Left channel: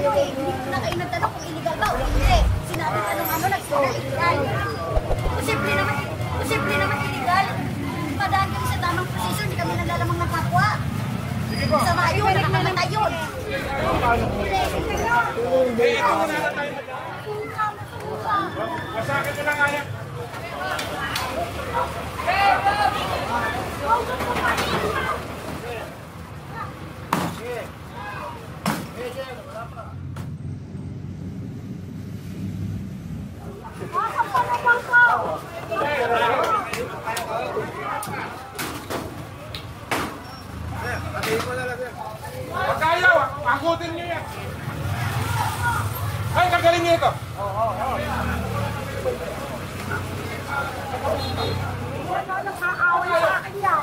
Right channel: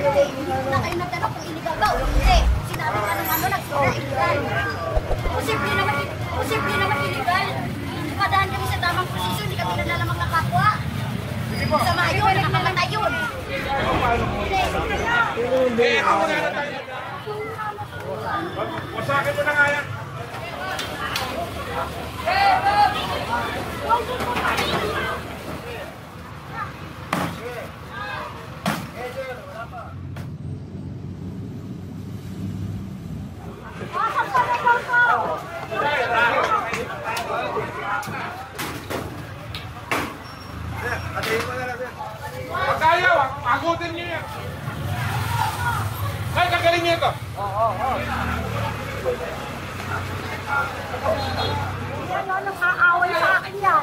ano eh, hindi na kayo nagtanong kung illegal daw. Hindi. Sinabi ka nung ano, nagsira illegal. Posible naman illegal. Padaan kami sa tamang proseso, hindi kami nalalamang ng kapwa. Sa mga yun, nakakamatay yun. Masakin mo na nga yan. Pagkayaw, agutin niyo yan. Ay, kagaling niyo ito. Nakakawala sa akin yan.